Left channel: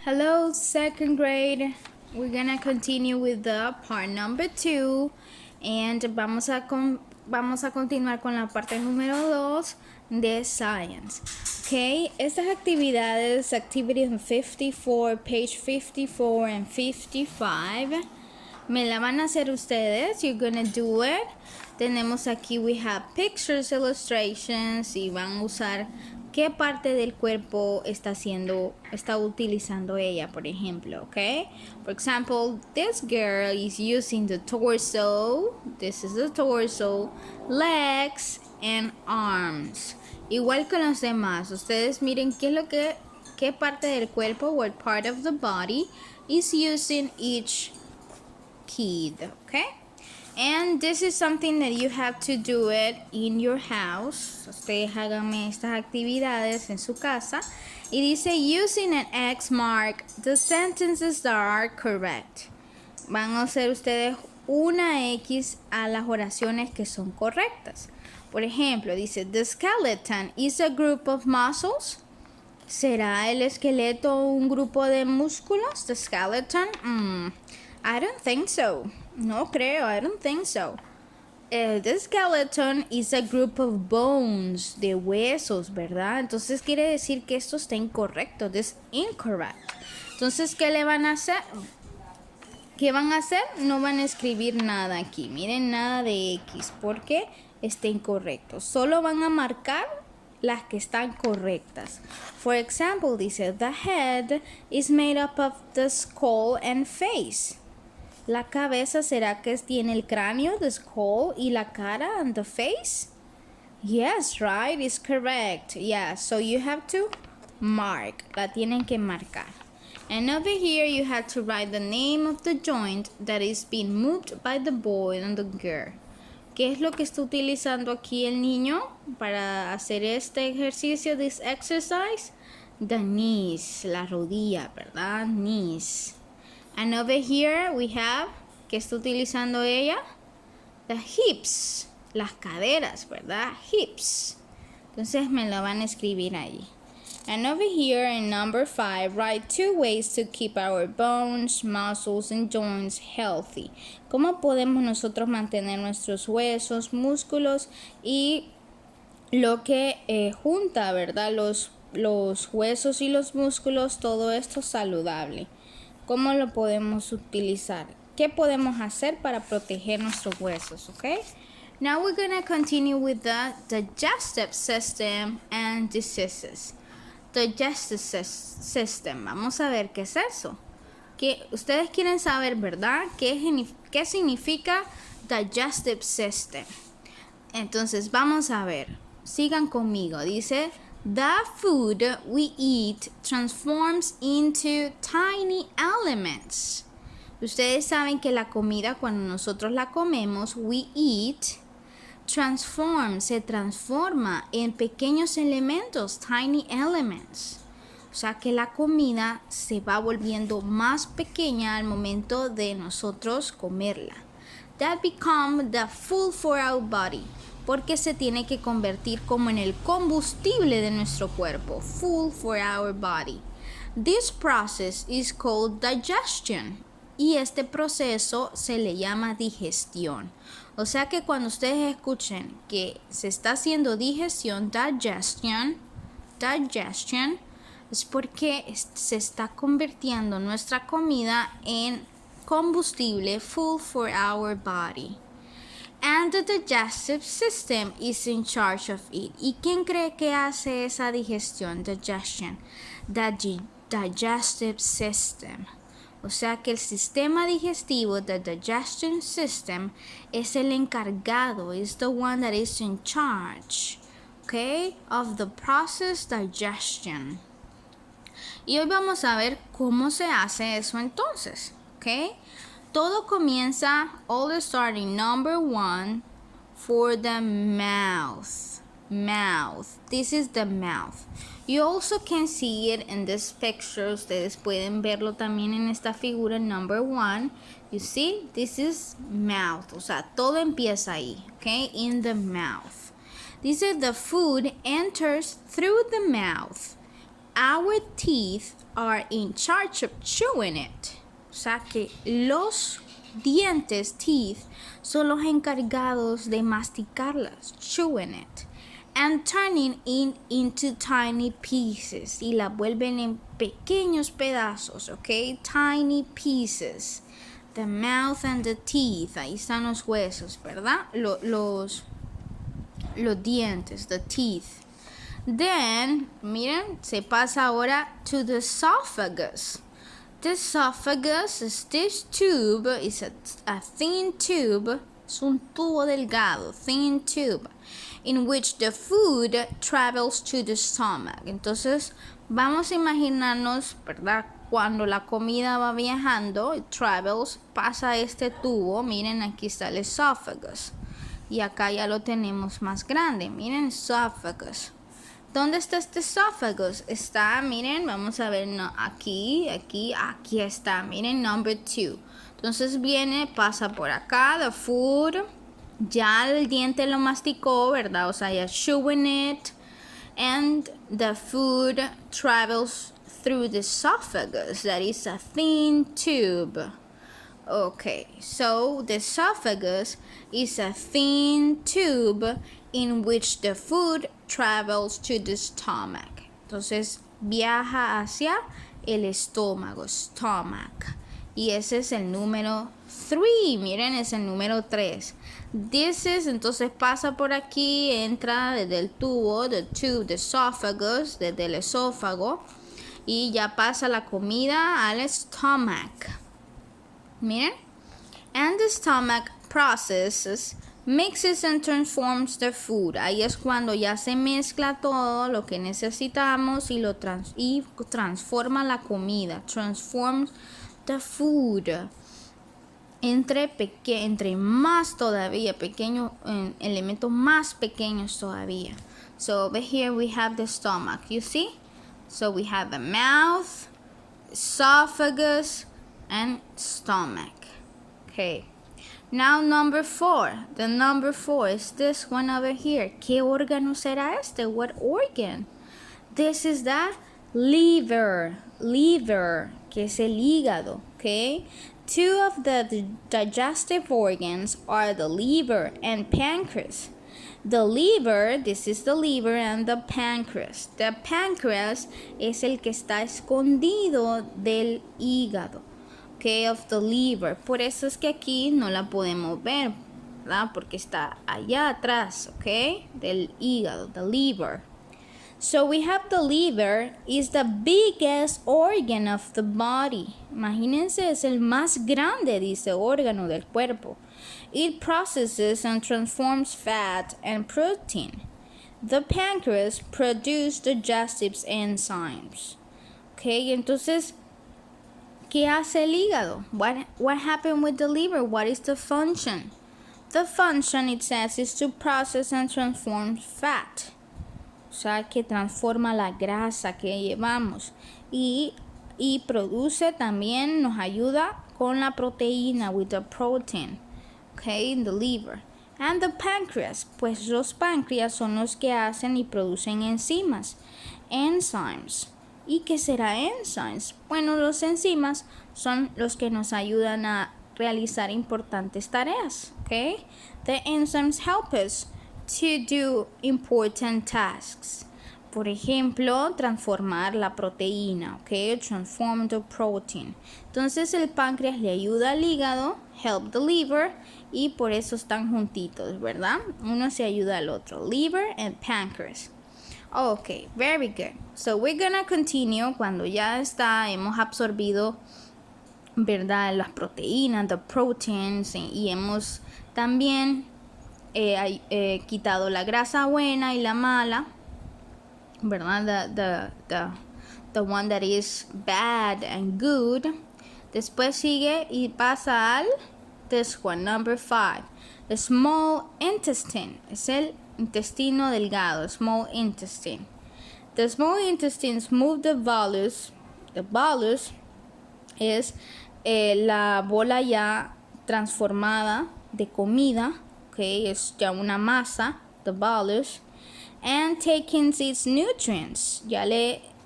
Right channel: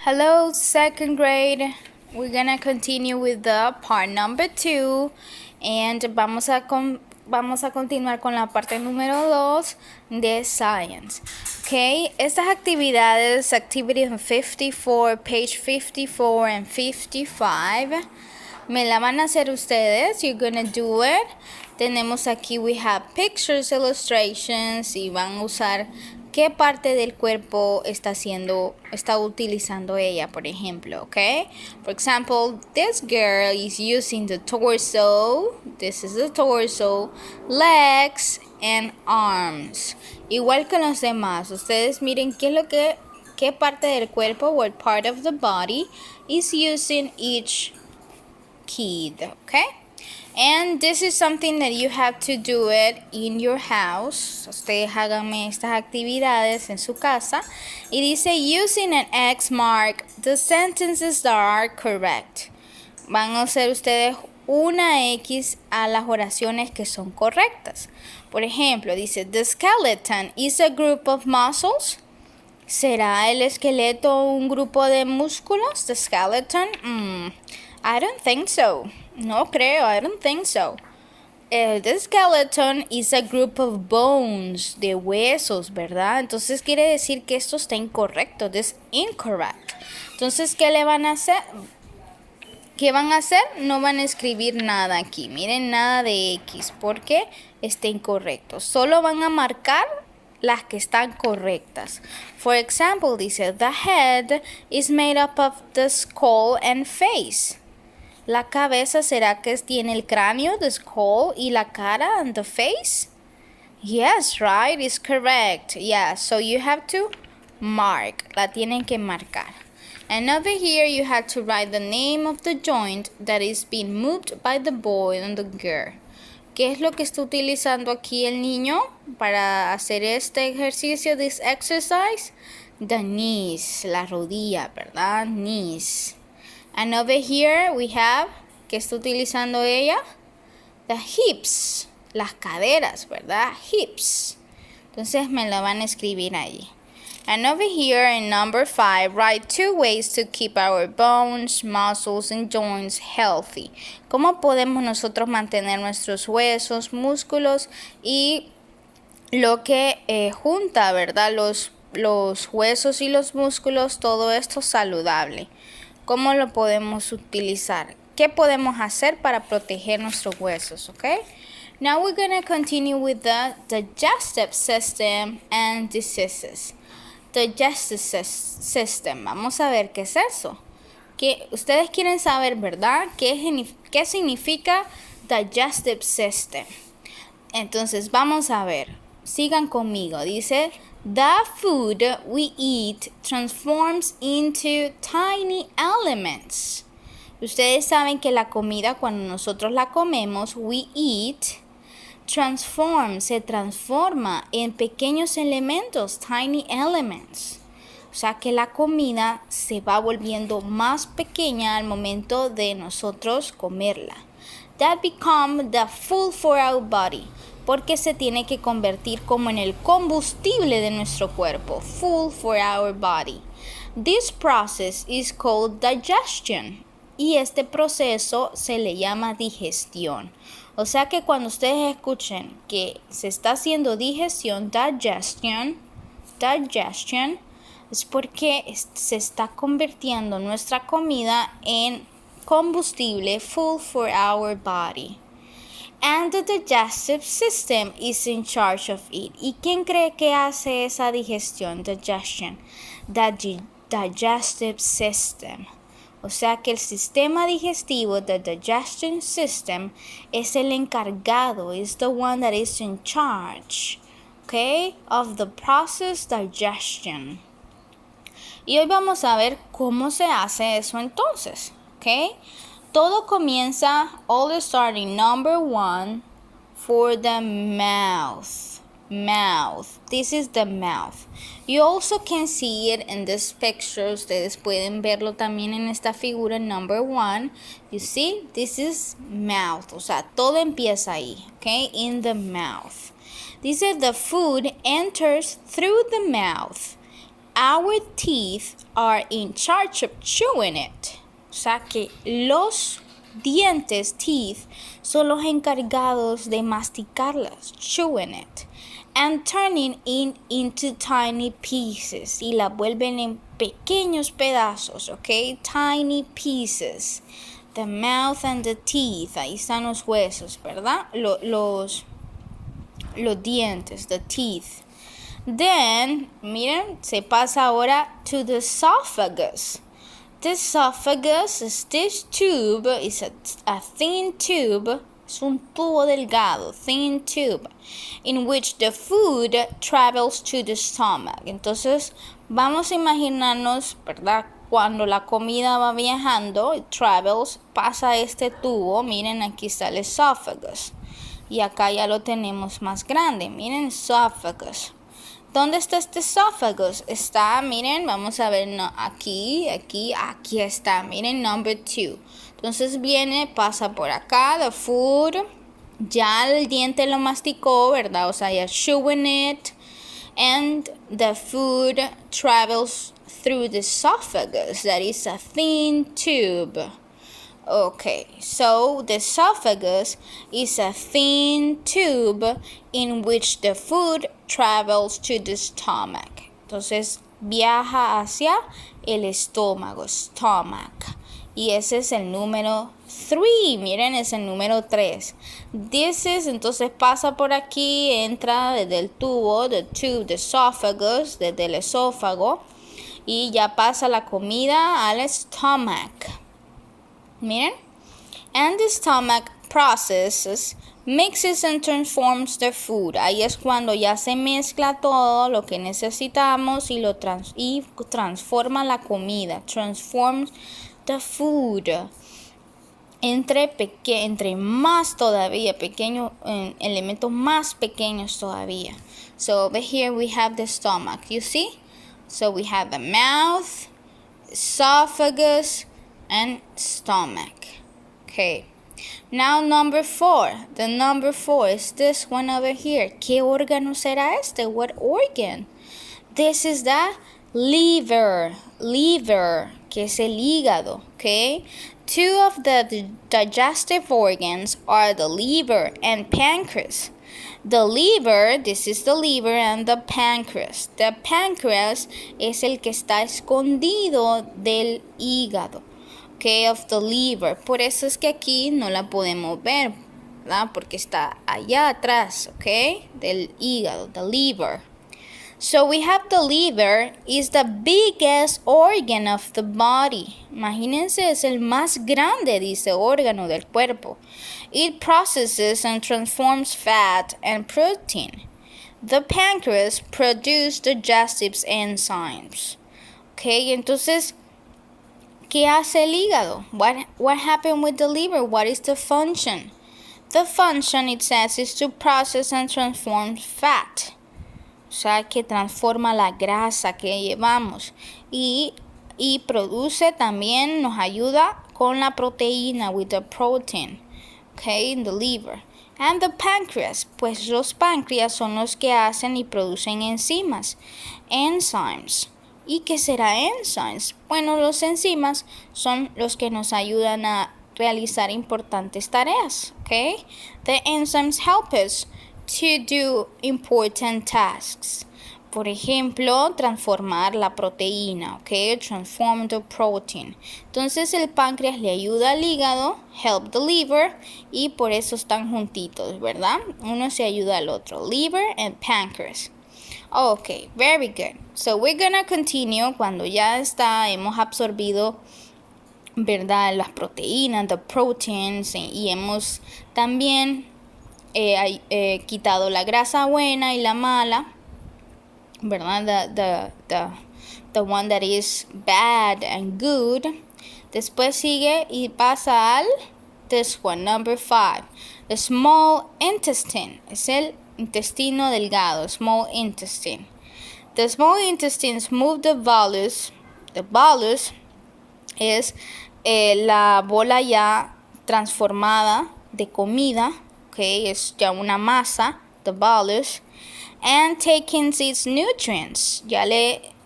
Hello, second grade. We're gonna continue with the part number 2 and vamos a continuar con la parte número 2 de Science. Okay, estas actividades, activity 54, page 54 and 55, me la van a hacer ustedes. You're gonna do it. Tenemos aquí, we have pictures, illustrations, y van a usar qué parte del cuerpo está utilizando ella, por ejemplo, okay? For example, this girl is using the torso. This is the torso, legs and arms. Igual con los demás, ustedes miren qué parte del cuerpo, what part of the body is using each kid, okay? And this is something that you have to do it in your house. Ustedes háganme estas actividades en su casa. Y dice, using an X mark the sentences that are correct. Van a hacer ustedes una X a las oraciones que son correctas. Por ejemplo, dice, the skeleton is a group of muscles. ¿Será el esqueleto un grupo de músculos? The skeleton? I don't think so. No creo, I don't think so. The skeleton is a group of bones, de huesos, ¿verdad? Entonces quiere decir que esto está incorrecto, this is incorrect. Entonces, ¿qué le van a hacer? ¿Qué van a hacer? No van a escribir nada aquí. Miren, nada de X, porque está incorrecto. Solo van a marcar las que están correctas. For example, dice, the head is made up of the skull and face. La cabeza, ¿será que tiene el cráneo, the skull, y la cara, and the face? Yes, right, is correct. Yeah, so you have to mark. La tienen que marcar. And over here, you have to write the name of the joint that is being moved by the boy and the girl. ¿Qué es lo que está utilizando aquí el niño para hacer este ejercicio, this exercise? The knees, la rodilla, ¿verdad? Knees. And over here we have, ¿qué está utilizando ella? The hips, las caderas, ¿verdad? Hips. Entonces me la van a escribir ahí. And over here in number 5, write 2 ways to keep our bones, muscles, and joints healthy. ¿Cómo podemos nosotros mantener nuestros huesos, músculos y lo que junta, ¿verdad? Los huesos y los músculos, todo esto saludable. ¿Cómo lo podemos utilizar? ¿Qué podemos hacer para proteger nuestros huesos? Okay? Now we're going to continue with the digestive system and diseases. Digestive system. Vamos a ver qué es eso. Que ustedes quieren saber, ¿verdad? ¿Qué significa digestive system? Entonces, vamos a ver. Sigan conmigo. Dice, the food we eat transforms into tiny elements. Ustedes saben que la comida, cuando nosotros la comemos, we eat, se transforma en pequeños elementos, tiny elements. O sea que la comida se va volviendo más pequeña al momento de nosotros comerla. That become the food for our body. Porque se tiene que convertir como en el combustible de nuestro cuerpo. Fuel for our body. This process is called digestion. Y este proceso se le llama digestión. O sea que cuando ustedes escuchen que se está haciendo digestion, digestion, es porque se está convirtiendo nuestra comida en combustible, fuel for our body. And the digestive system is in charge of it. ¿Y quién cree que hace esa digestión, digestion? The digestive system. O sea que el sistema digestivo, the digestion system, es el encargado, is the one that is in charge, okay, of the process digestion. Y hoy vamos a ver cómo se hace eso entonces, okay? Todo comienza, all starting number 1 for the mouth. Mouth. This is the mouth. You also can see it in this picture. Ustedes pueden verlo también en esta figura number 1. You see, this is mouth. O sea, todo empieza ahí, okay? In the mouth. Dice the food enters through the mouth. our teeth are in charge of chewing it. O sea que los dientes, teeth, son los encargados de masticarlas, chewing it, and turning it into tiny pieces. Y la vuelven en pequeños pedazos, ¿ok? Tiny pieces. The mouth and the teeth, ahí están los huesos, ¿verdad? Los dientes, the teeth. Then, miren, se pasa ahora to the esophagus. The esophagus is this tube, is a thin tube, es un tubo delgado, thin tube, in which the food travels to the stomach. Entonces, vamos a imaginarnos, ¿verdad? Cuando la comida va viajando, it travels, pasa este tubo, miren, aquí está el esophagus. Y acá ya lo tenemos más grande, miren, esophagus. ¿Dónde está este esophagus? Está, miren, vamos a ver, no, aquí está, miren, number 2. Entonces viene, pasa por acá, the food, ya el diente lo masticó, ¿verdad? O sea, ya chewing it, and the food travels through the esophagus, that is a thin tube. Okay, so the esophagus is a thin tube in which the food travels to the stomach. Entonces viaja hacia el estómago, stomach. Y ese es el número 3. Miren, es el número 3. This is, entonces pasa por aquí, entra desde el tubo, the tube, the esophagus, desde el esófago. Y ya pasa la comida al stomach. Miren, and the stomach processes, mixes and transforms the food. Ahí es cuando ya se mezcla todo lo que necesitamos y transforma la comida. Transforms the food. Entre más todavía, elementos más pequeños todavía. So over here we have the stomach, you see? So we have the mouth, esophagus, and stomach. Okay. Now number 4. The number 4 is this one over here. ¿Qué órgano será este? What organ? This is the liver. Liver, que es el hígado. Okay. 2 of the digestive organs are the liver and pancreas. The liver, this is the liver, and the pancreas. The pancreas es el que está escondido del hígado. Okay, of the liver. Por eso es que aquí no la podemos ver, ¿verdad? Porque está allá atrás, okay, del hígado, the liver. So we have the liver is the biggest organ of the body. Imagínense, es el más grande, dice, órgano del cuerpo. It processes and transforms fat and protein. The pancreas produces digestive enzymes. Okay, entonces, ¿qué hace el hígado? What happened with the liver? What is the function? The function, it says, is to process and transform fat. O sea, que transforma la grasa que llevamos. Y produce también, nos ayuda con la proteína, with the protein. Okay, in the liver. And the pancreas, pues los páncreas son los que hacen y producen enzimas. Enzymes. ¿Y qué será enzymes? Bueno, los enzimas son los que nos ayudan a realizar importantes tareas. Okay? The enzymes help us to do important tasks. Por ejemplo, transformar la proteína, okay? Transform the protein. Entonces el páncreas le ayuda al hígado, help the liver, y por eso están juntitos, ¿verdad? Uno se ayuda al otro, liver and pancreas. Okay, very good. So we're gonna continue cuando ya hemos absorbido, ¿verdad? Las proteínas, the proteins, y hemos también quitado la grasa buena y la mala, ¿verdad? The one that is bad and good. Después sigue y pasa al this one, number 5. The small intestine. Es el intestino delgado, small intestine. The small intestines move the bolus. The bolus es la bola ya transformada de comida. Okay, es ya una masa, the bolus, and taking its nutrients, ya le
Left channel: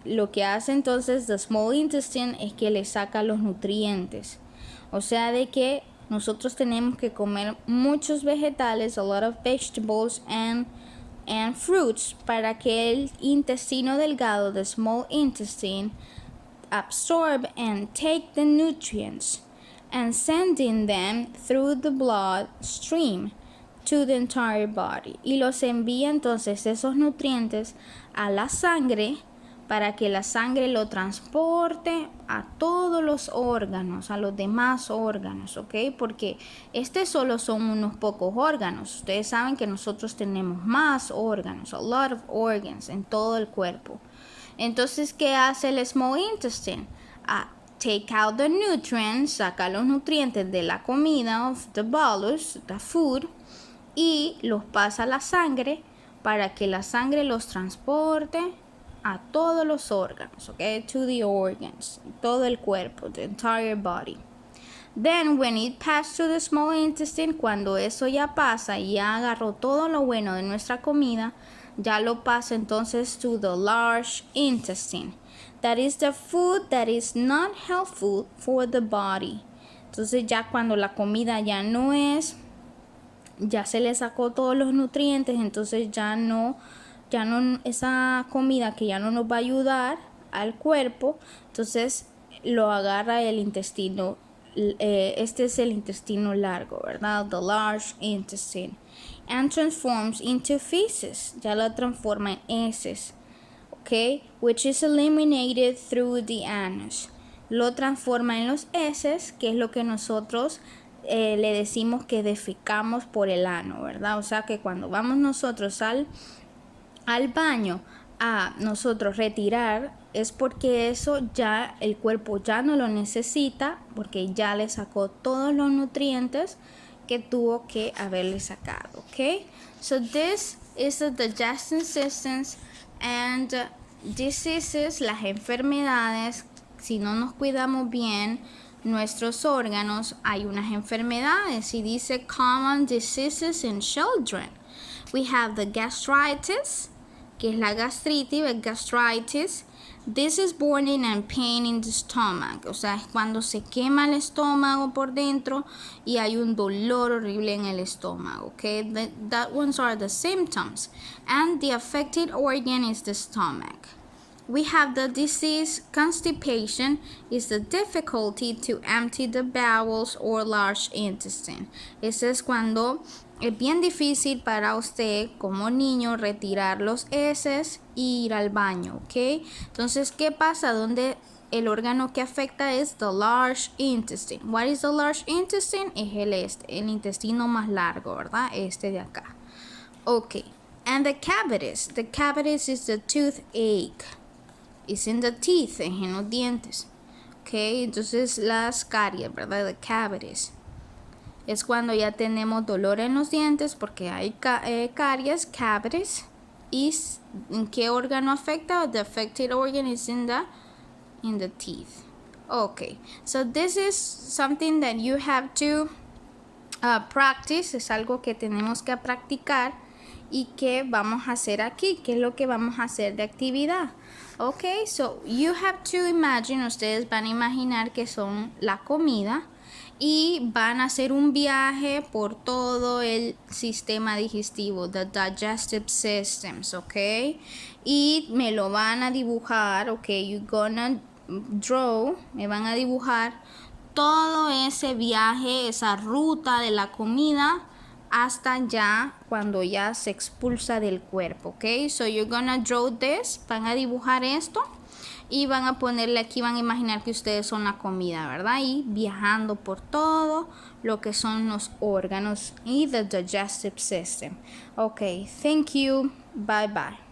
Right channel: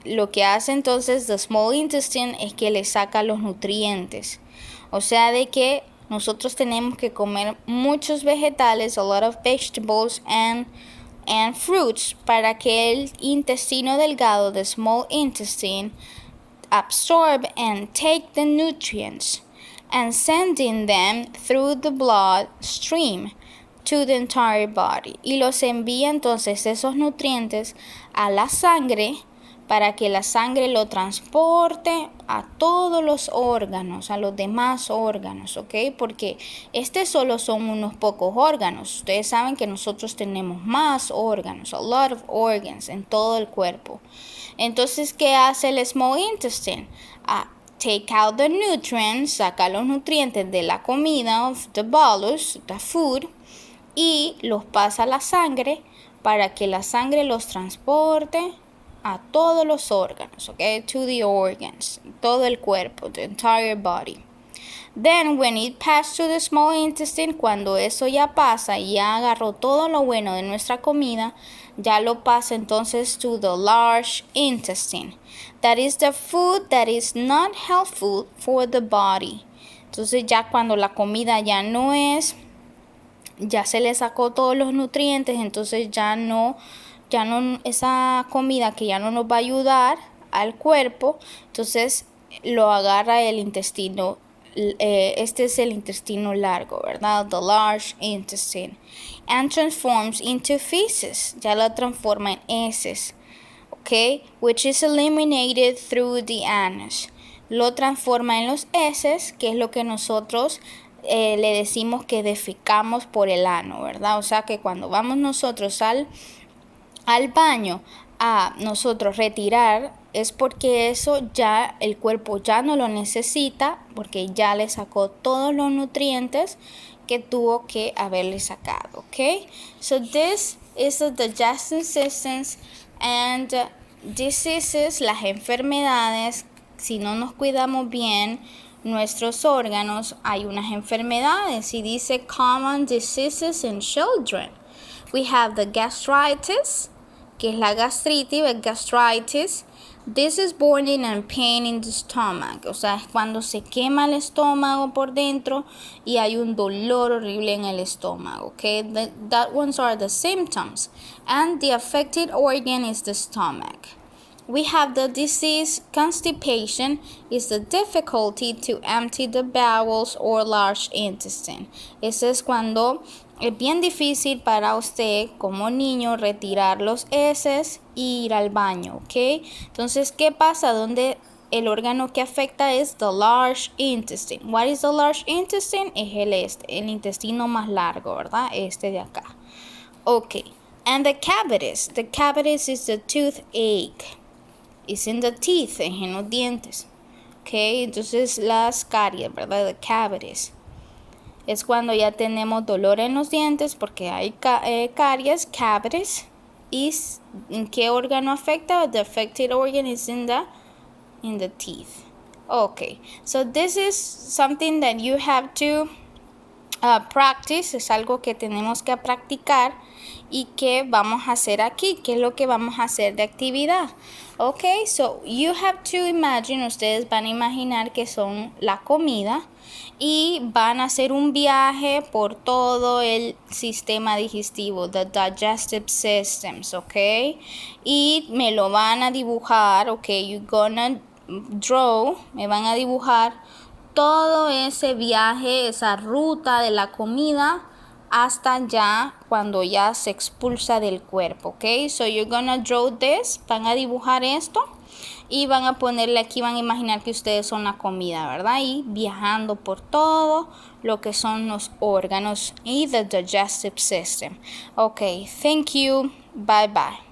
lo que hace entonces the small intestine es que le saca los nutrientes. O sea, de que nosotros tenemos que comer muchos vegetales, a lot of vegetables and fruits, para que el intestino delgado, the small intestine, absorb and take the nutrients and sending them through the blood stream to the entire body. Y los envía entonces esos nutrientes a la sangre para que la sangre lo transporte a todos los órganos, a los demás órganos, ¿ok? Porque solo son unos pocos órganos. Ustedes saben que nosotros tenemos más órganos, a lot of organs en todo el cuerpo. Entonces, ¿qué hace el small intestine? Take out the nutrients, saca los nutrientes de la comida, of the bolus, the food, y los pasa a la sangre para que la sangre los transporte a todos los órganos, okay? To the organs, todo el cuerpo, the entire body. Then when it passed to the small intestine, cuando eso ya pasa y ya agarró todo lo bueno de nuestra comida, ya lo pasa entonces to the large intestine. That is the food that is not helpful for the body. Entonces ya cuando la comida ya no es, ya se le sacó todos los nutrientes, entonces ya no esa comida que ya no nos va a ayudar al cuerpo, entonces lo agarra el intestino. Este es el intestino largo, ¿verdad? The large intestine. And transforms into feces. Ya lo transforma en heces. Okay? Which is eliminated through the anus. Lo transforma en los heces, que es lo que nosotros le decimos que defecamos por el ano, ¿verdad? O sea que cuando vamos nosotros al baño a nosotros retirar, es porque eso ya el cuerpo ya no lo necesita, porque ya le sacó todos los nutrientes que tuvo que haberle sacado, ¿ok? So this is the digestive systems and diseases, las enfermedades. Si no nos cuidamos bien nuestros órganos, hay unas enfermedades, y dice common diseases in children. We have the gastritis, que es la gastritis, gastritis. This is burning and pain in the stomach. O sea, es cuando se quema el estómago por dentro y hay un dolor horrible en el estómago. Okay, that ones are the symptoms. And the affected organ is the stomach. We have the disease constipation, is the difficulty to empty the bowels or large intestine. Ese es cuando es bien difícil para usted como niño retirar los heces e ir al baño, ¿ok? Entonces, ¿qué pasa? Donde el órgano que afecta es the large intestine. What is the large intestine? Es el intestino más largo, ¿verdad? Este de acá. Ok. And the cavities. The cavities is the toothache. It's in the teeth, en los dientes. Ok, entonces las caries, ¿verdad? The cavities. Es cuando ya tenemos dolor en los dientes porque hay caries, cavities. ¿Y en qué órgano afecta? The affected organ is in the teeth. Okay, so this is something that you have to practice. Es algo que tenemos que practicar y que vamos a hacer aquí. ¿Qué es lo que vamos a hacer de actividad? Okay, so you have to imagine, ustedes van a imaginar que son la comida y van a hacer un viaje por todo el sistema digestivo, the digestive systems, okay? Y me lo van a dibujar, okay? You're gonna draw, me van a dibujar todo ese viaje, esa ruta de la comida hasta ya cuando ya se expulsa del cuerpo, okay? So you're gonna draw this, van a dibujar esto. Y van a ponerle aquí, van a imaginar que ustedes son la comida, ¿verdad? Y viajando por todo lo que son los órganos y the digestive system. Okay, thank you. Bye bye.